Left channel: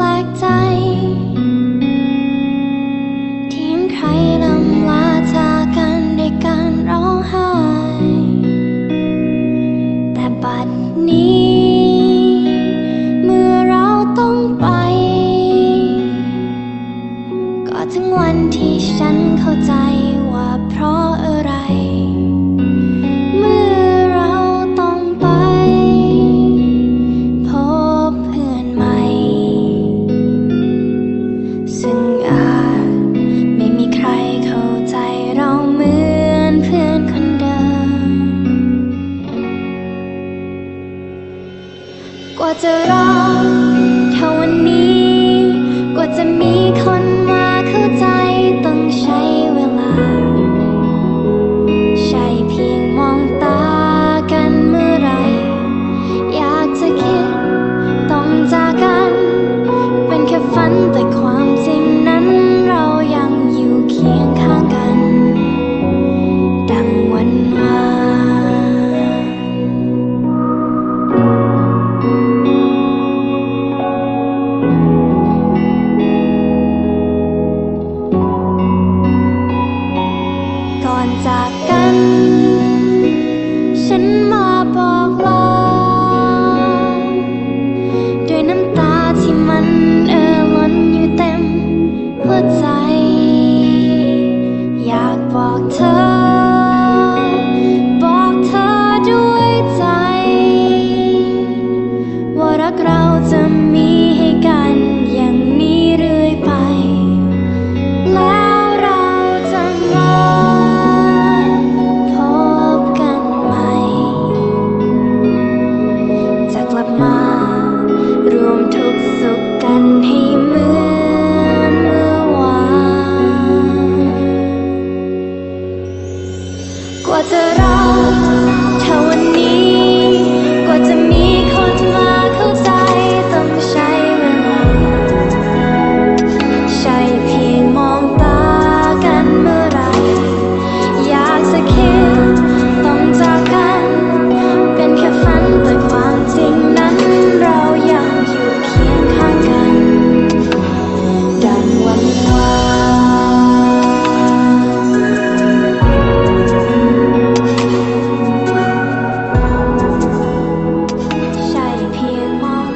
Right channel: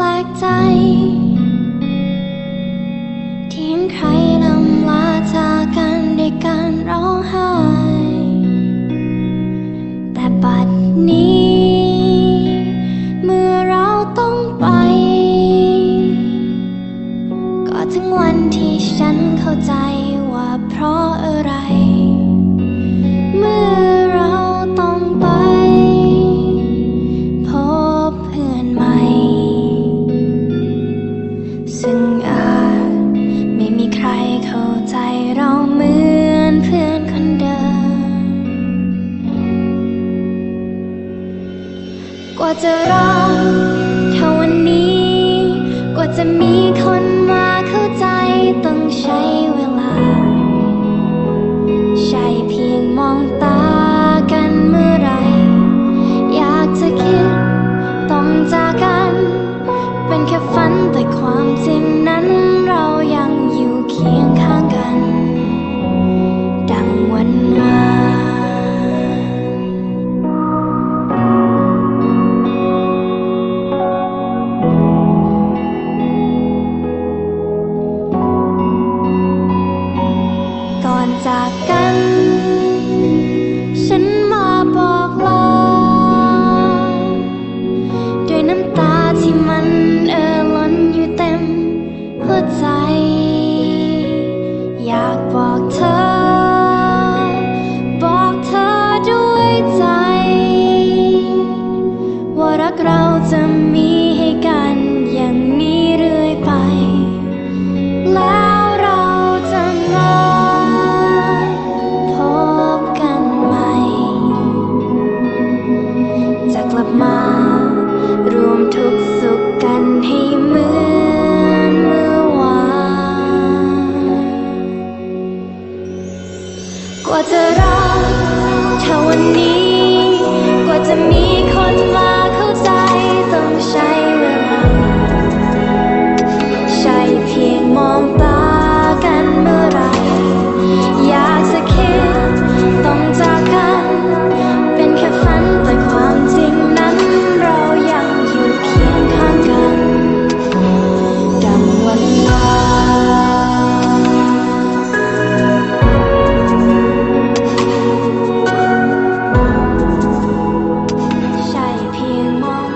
ลกใจ ที่เห็นใครลำลาจากกันด้วยการร้องไห้ แต่บัดนี้ เมื่อเราต้องไป ก็ถึงวันที่ฉันเข้าใจ ซึ่งอาจไม่มีใครเข้าใจเราเหมือนเพื่อนคนเดิม กว่าจะรัก ความจริงนั้นเรายังอยู่เคียงข้างกัน ดังวันวานก่อนจากกัน ฉันมาบอก รักเราจะมีให้กันอย่างนี้เรื่อยไป แล้วเราจะมาพบกันใหม่ จะกลับมารวมทุกสุขกันให้เหมือนเมื่อวานกว่าจะรอเท่าวันนี้าน